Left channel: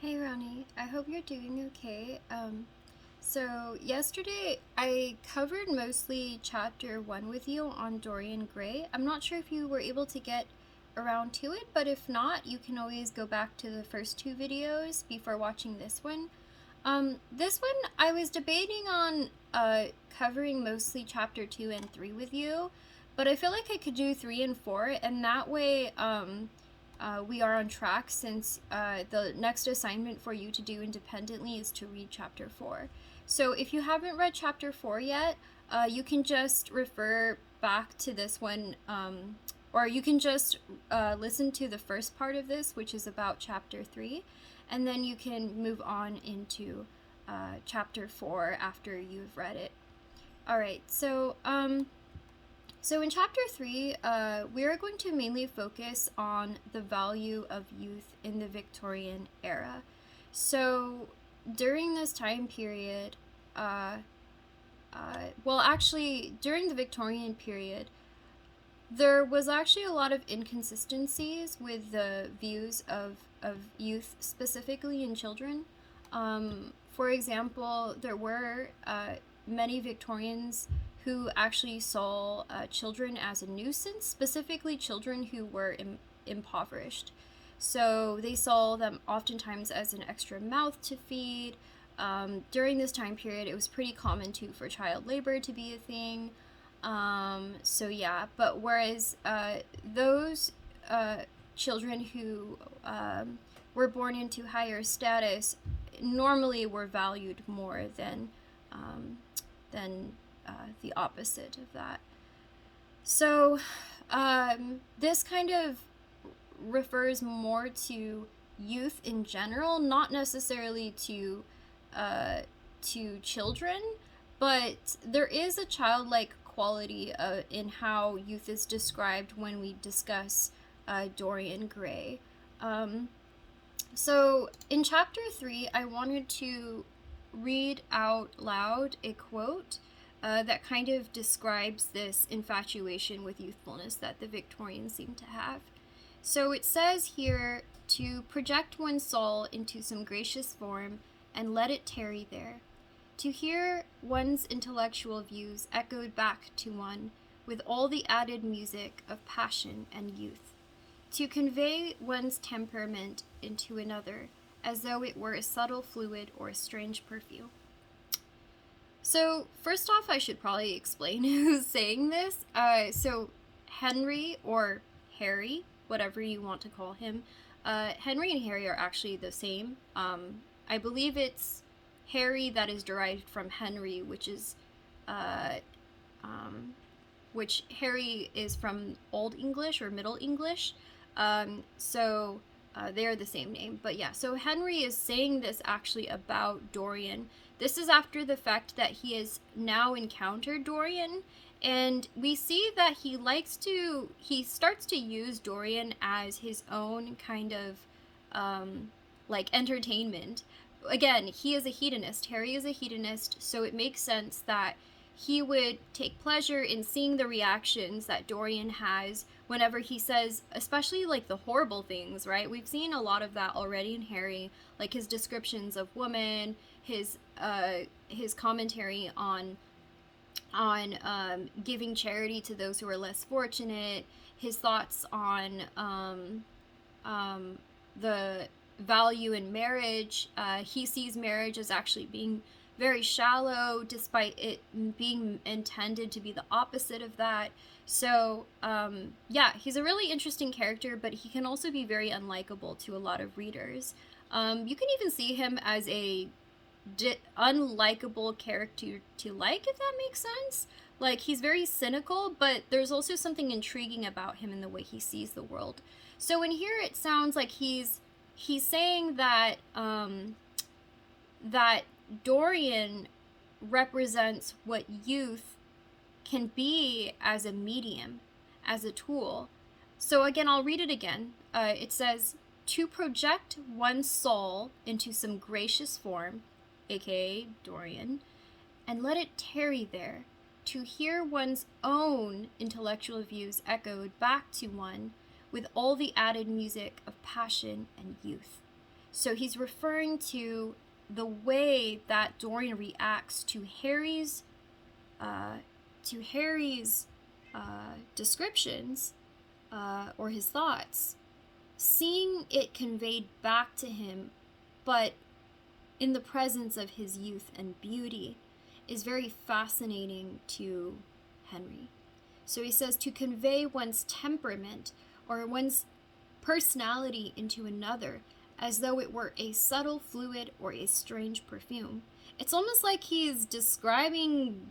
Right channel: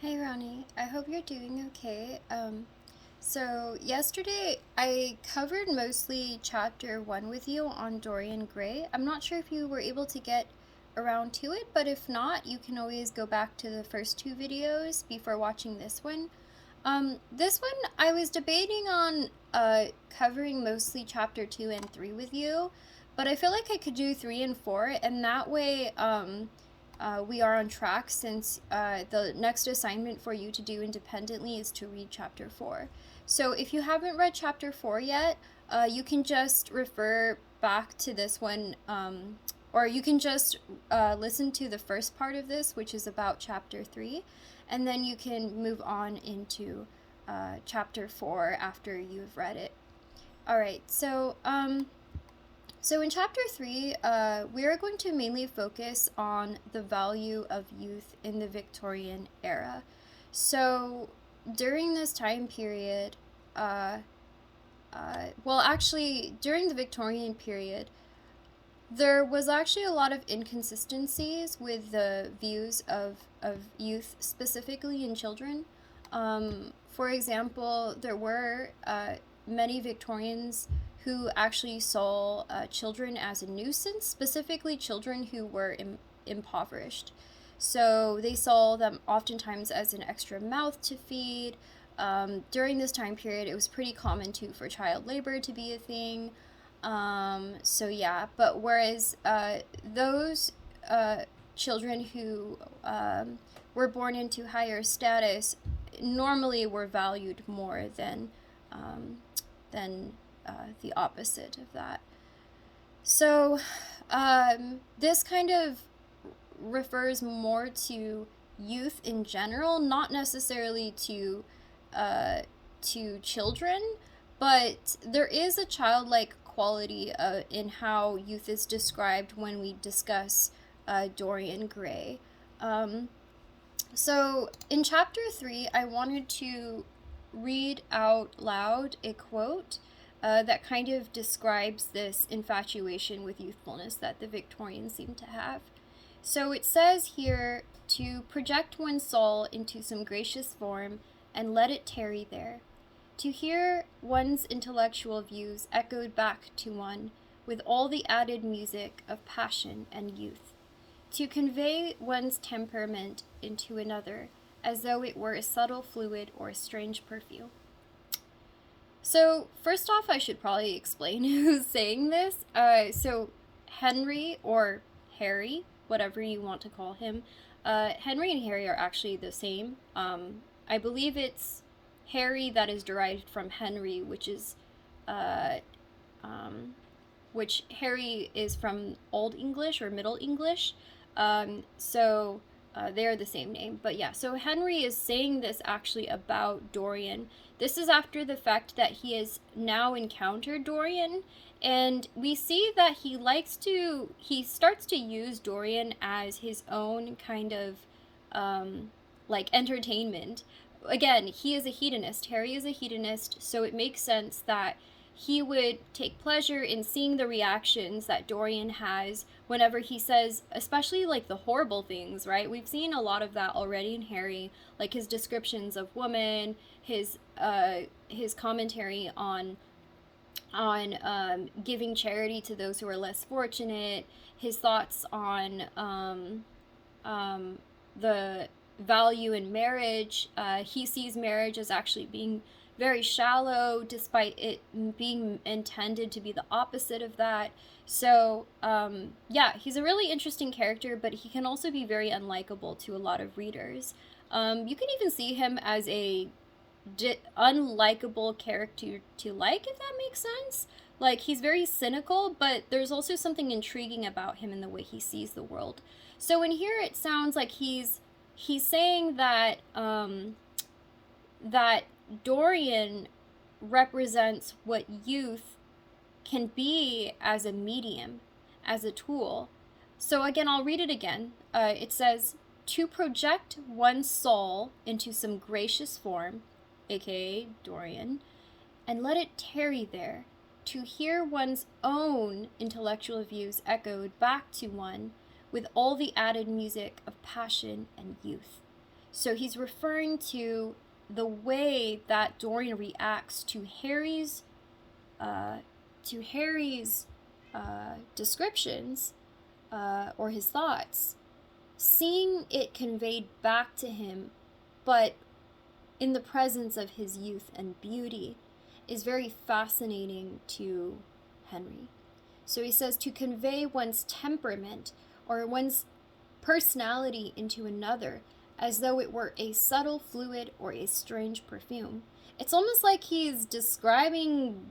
Hey Ronnie, I hope you're doing okay. So yesterday I covered mostly chapter 1 with you on Dorian Gray. I'm not sure if you were able to get around to it, but if not, you can always go back to the first two videos before watching this one. This one I was debating on covering mostly chapter 2 and 3 with you, but I feel like I could do 3 and 4, and that way we are on track since the next assignment for you to do independently is to read chapter 4. So if you haven't read chapter 4 yet, you can just refer back to this one, or you can just listen to the first part of this, which is about chapter 3, and then you can move on into chapter 4 after you've read it. Alright, so in chapter 3, we are going to mainly focus on the value of youth in the Victorian era. So during this time period, during the Victorian period, there was actually a lot of inconsistencies with the views of youth, specifically in children. For example, there were many Victorians who actually saw children as a nuisance, specifically children who were impoverished. So they saw them oftentimes as an extra mouth to feed. During this time period, it was pretty common too for child labor to be a thing. So yeah, but whereas those children who were born into higher status normally were valued more than the opposite of that. So this kind of refers more to youth in general, not necessarily to children, but there is a childlike quality in how youth is described when we discuss Dorian Gray. So in chapter 3, I wanted to read out loud a quote that kind of describes this infatuation with youthfulness that the Victorians seem to have. So it says here to project one's soul into some gracious form and let it tarry there, to hear one's intellectual views echoed back to one with all the added music of passion and youth, to convey one's temperament into another as though it were a subtle fluid or a strange perfume. So first off, I should probably explain who's saying this. So Henry, or Harry, whatever you want to call him, Henry and Harry are actually the same. I believe it's Harry that is derived from Henry, which Harry is from Old English or Middle English. So they are the same name. But yeah, so Henry is saying this actually about Dorian. This is after the fact that he has now encountered Dorian, and we see that he starts to use Dorian as his own kind of like entertainment. Again, he is a hedonist. Harry is a hedonist, so it makes sense that he would take pleasure in seeing the reactions that Dorian has whenever he says, especially like the horrible things, right? We've seen a lot of that already in Harry, like his descriptions of women, his commentary on giving charity to those who are less fortunate, his thoughts on the value in marriage. He sees marriage as actually being very shallow, despite it being intended to be the opposite of that. So, yeah, he's a really interesting character, but he can also be very unlikable to a lot of readers. You can even see him as a unlikable character to like, if that makes sense. Like, he's very cynical, but there's also something intriguing about him in the way he sees the world. So in here, it sounds like he's saying that that Dorian represents what youth can be as a medium, as a tool. So again, I'll read it again. It says, to project one's soul into some gracious form, aka Dorian, and let it tarry there, to hear one's own intellectual views echoed back to one with all the added music of passion and youth, So he's referring to the way that Dorian reacts to uh, Harry's descriptions or his thoughts, seeing it conveyed back to him, but in the presence of his youth and beauty, is very fascinating to Henry. So he says to convey one's temperament or one's personality into another as though it were a subtle fluid or a strange perfume. It's almost like he's describing,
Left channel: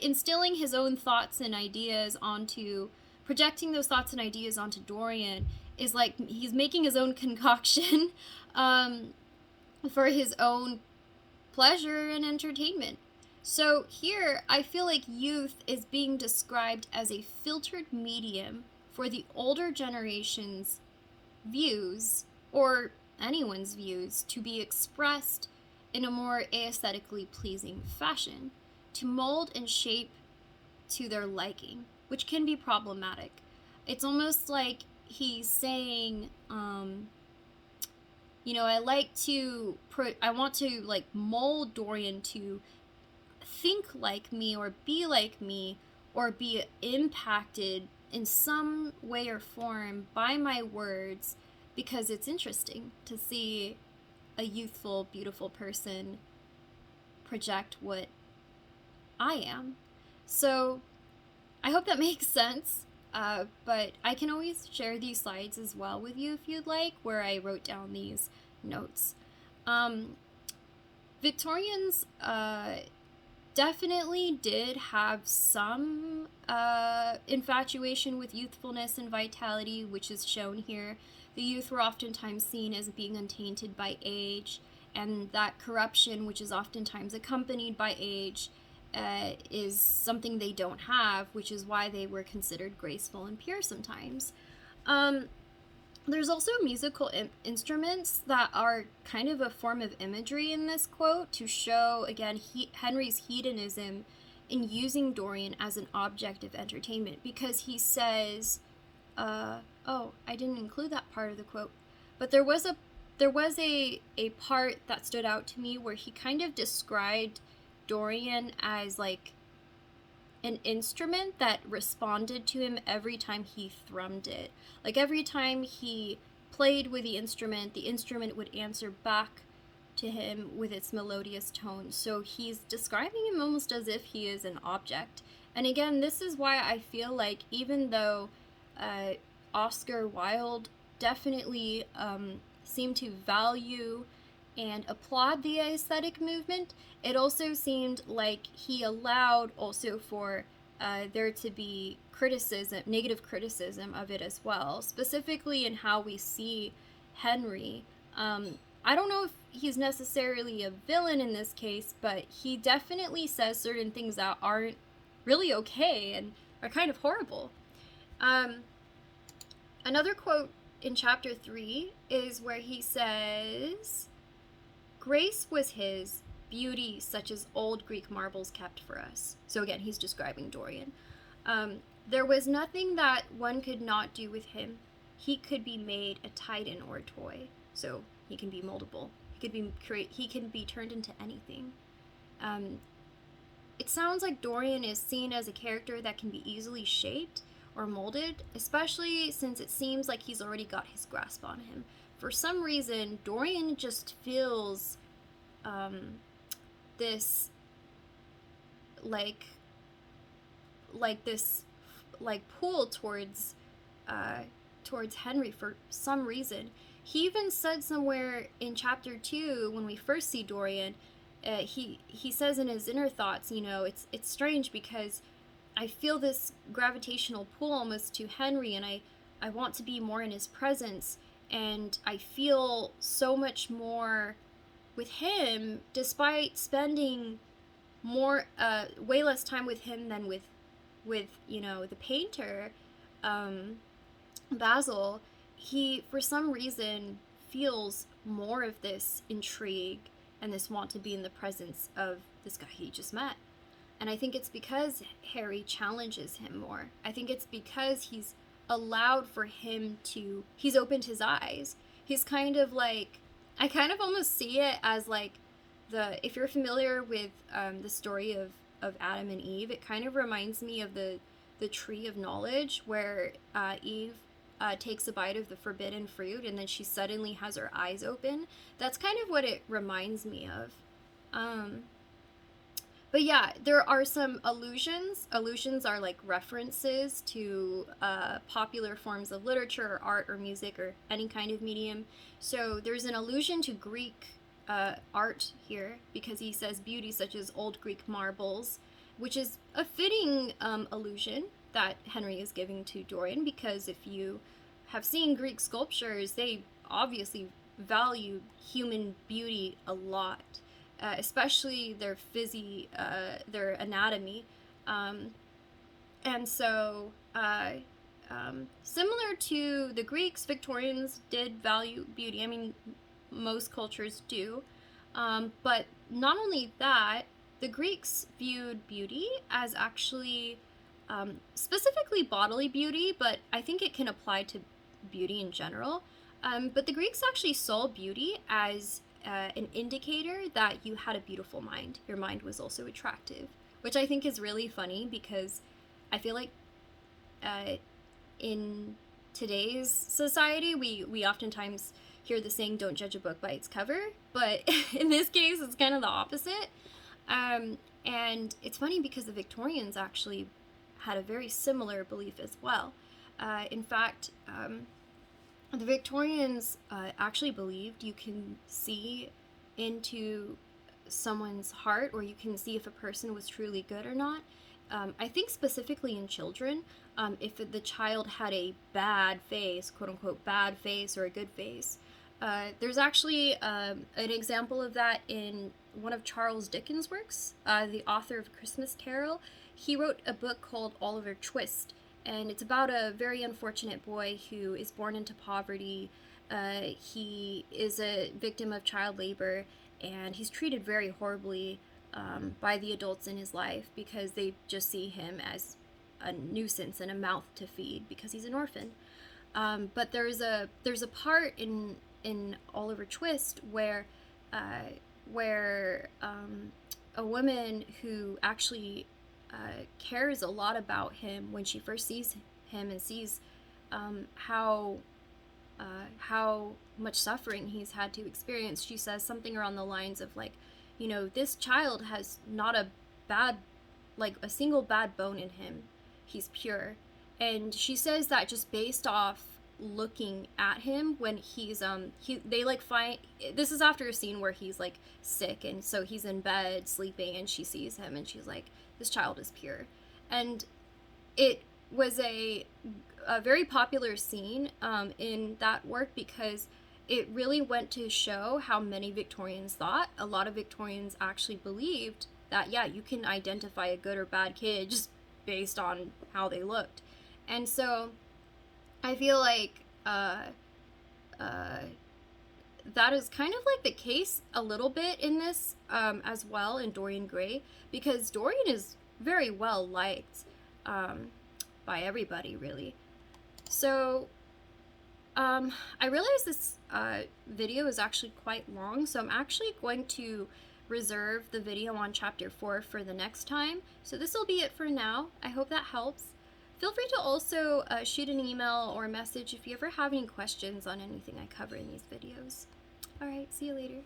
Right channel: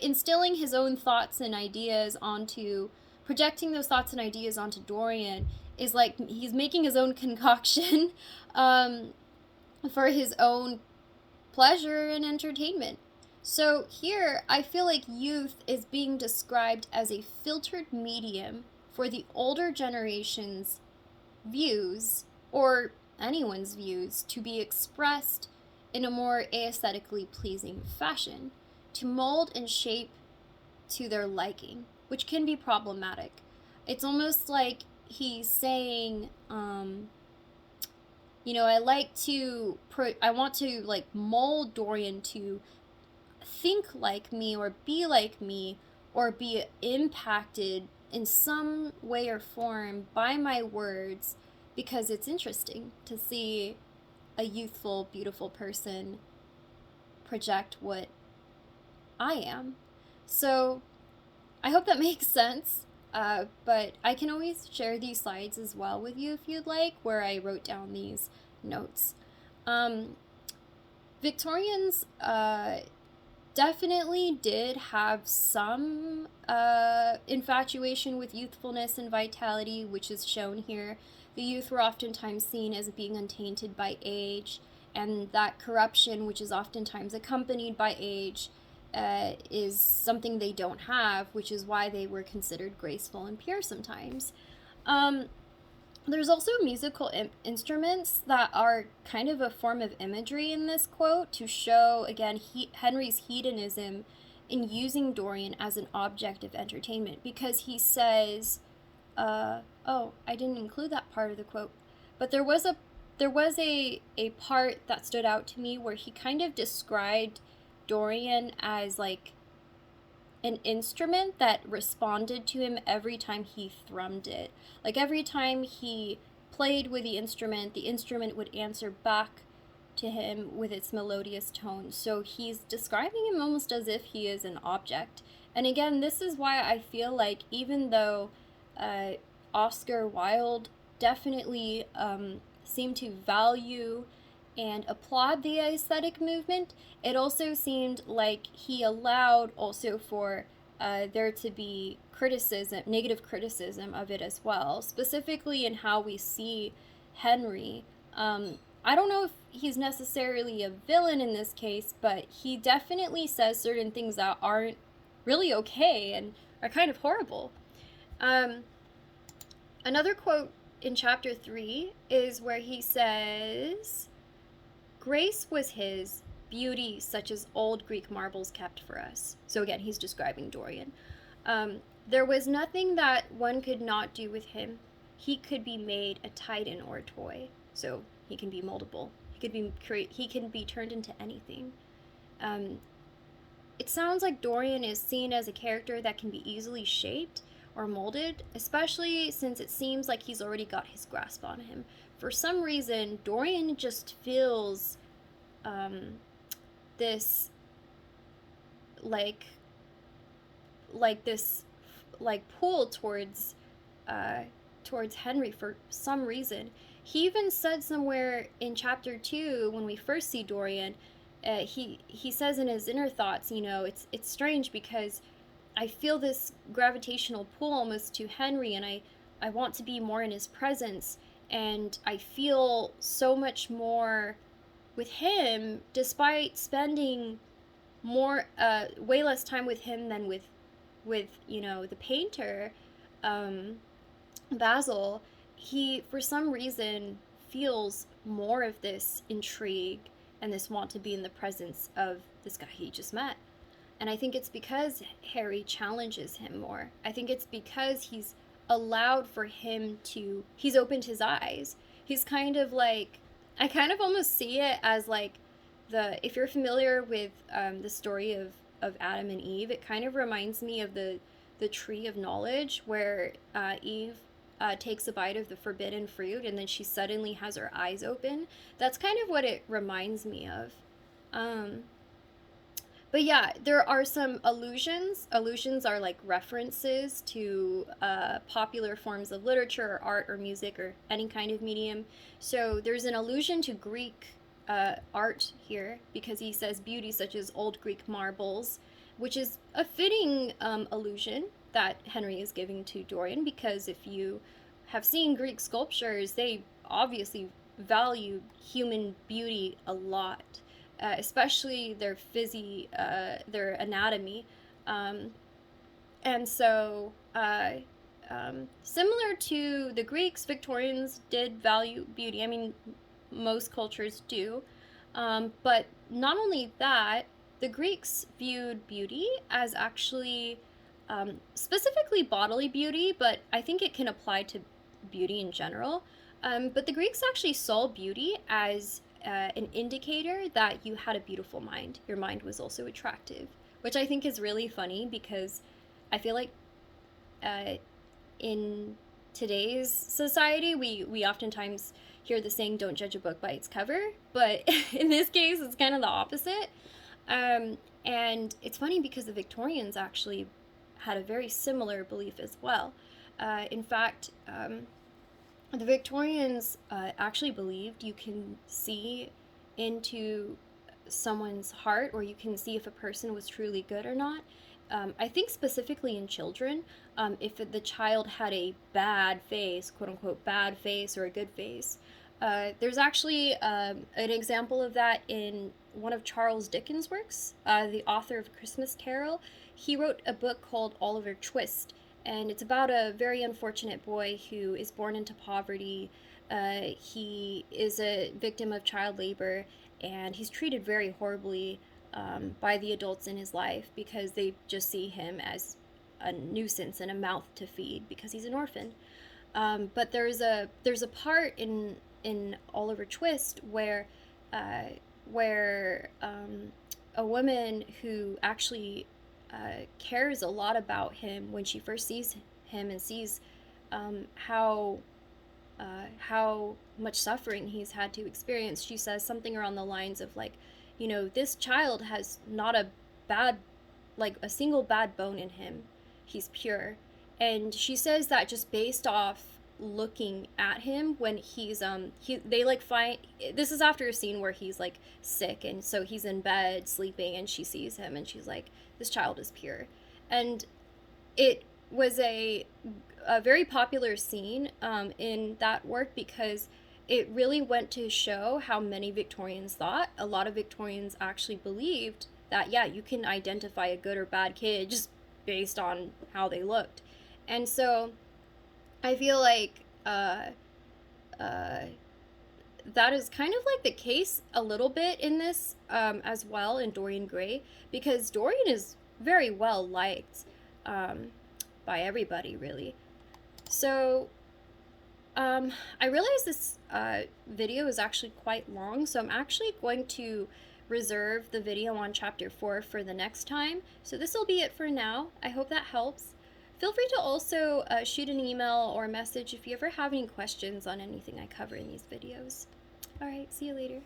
instilling his own thoughts and ideas onto, projecting those thoughts and ideas onto Dorian, is like he's making his own concoction for his own pleasure and entertainment. So here, I feel like youth is being described as a filtered medium for the older generation's views, or anyone's views, to be expressed in a more aesthetically pleasing fashion, to mold and shape to their liking, which can be problematic. It's almost like he's saying, I want to like mold Dorian to think like me or be like me or be impacted in some way or form by my words, because it's interesting to see a youthful, beautiful person project what I am. So I hope that makes sense. But I can always share these slides as well with you if you'd like, where I wrote down these notes. Victorians definitely did have some infatuation with youthfulness and vitality, which is shown here. The youth were oftentimes seen as being untainted by age, and that corruption, which is oftentimes accompanied by age, is something they don't have, which is why they were considered graceful and pure sometimes. There's also musical instruments that are kind of a form of imagery in this quote to show, again, Henry's hedonism in using Dorian as an object of entertainment, because he says, oh, I didn't include that part of the quote, but there was a part that stood out to me where he kind of described Dorian as like an instrument that responded to him every time he thrummed it. Like every time he played with the instrument would answer back to him with its melodious tones. So he's describing him almost as if he is an object. And again, this is why I feel like even though Oscar Wilde definitely seemed to value and applaud the aesthetic movement, it also seemed like he allowed also for there to be negative criticism of it as well, specifically in how we see Henry. I don't know if he's necessarily a villain in this case, but he definitely says certain things that aren't really okay and are kind of horrible. Another quote in chapter 3 is where he says, "Grace was his, beauty such as old Greek marbles kept for us." So again, he's describing Dorian. There was nothing that one could not do with him. He could be made a titan or a toy. So he can be moldable. He can be turned into anything. It sounds like Dorian is seen as a character that can be easily shaped or molded, especially since it seems like he's already got his grasp on him. For some reason, Dorian just feels this pull towards Henry for some reason. He even said somewhere in chapter 2, when we first see Dorian, he says in his inner thoughts, it's strange because I feel this gravitational pull almost to Henry, and I want to be more in his presence, and I feel so much more with him, despite spending way less time with him than with the painter, Basil. He, for some reason, feels more of this intrigue and this want to be in the presence of this guy he just met. And I think it's because Harry challenges him more. I think it's because he's allowed for him to, he's opened his eyes. He's kind of like I kind of almost see it as like if you're familiar with the story of Adam and Eve, it kind of reminds me of the tree of knowledge where Eve takes a bite of the forbidden fruit and then she suddenly has her eyes open. That's kind of what it reminds me of. Um, but yeah, there are some allusions. Allusions are like references to popular forms of literature or art or music or any kind of medium. So there's an allusion to Greek art here because he says beauty such as old Greek marbles, which is a fitting allusion that Henry is giving to Dorian because if you have seen Greek sculptures, they obviously value human beauty a lot, especially their anatomy. Um, and so, similar to the Greeks, Victorians did value beauty. I mean, most cultures do. But not only that, the Greeks viewed beauty as actually specifically bodily beauty, but I think it can apply to beauty in general. But the Greeks actually saw beauty as an indicator that you had a beautiful mind. Your mind was also attractive, which I think is really funny because I feel like uh, in today's society, we oftentimes hear the saying, don't judge a book by its cover, but in this case, it's kind of the opposite. And it's funny because the Victorians actually had a very similar belief as well. In fact, the Victorians actually believed you can see into someone's heart, or you can see if a person was truly good or not. I think specifically in children, if the child had a bad face, quote unquote, bad face or a good face. There's actually an example of that in one of Charles Dickens' works, the author of Christmas Carol. He wrote a book called Oliver Twist, and it's about a very unfortunate boy who is born into poverty. He is a victim of child labor, and he's treated very horribly by the adults in his life because they just see him as a nuisance and a mouth to feed because he's an orphan. But there's a part in Oliver Twist where a woman who actually cares a lot about him when she first sees him and sees how much suffering he's had to experience. She says something around the lines of like, this child has not a single bad bone in him. He's pure. And she says that just based off looking at him when they like find, this is after a scene where he's like sick and so he's in bed sleeping and she sees him and she's like, this child is pure. And it was a very popular scene in that work because it really went to show how many Victorians thought. A lot of Victorians actually believed that, yeah, you can identify a good or bad kid just based on how they looked. And so I feel like that is kind of like the case a little bit in this as well in Dorian Gray, because Dorian is very well liked by everybody, really. So I realize this video is actually quite long, so I'm actually going to reserve the video on chapter 4 for the next time. So this will be it for now. I hope that helps. Feel free to also shoot an email or a message if you ever have any questions on anything I cover in these videos. Alright, see you later.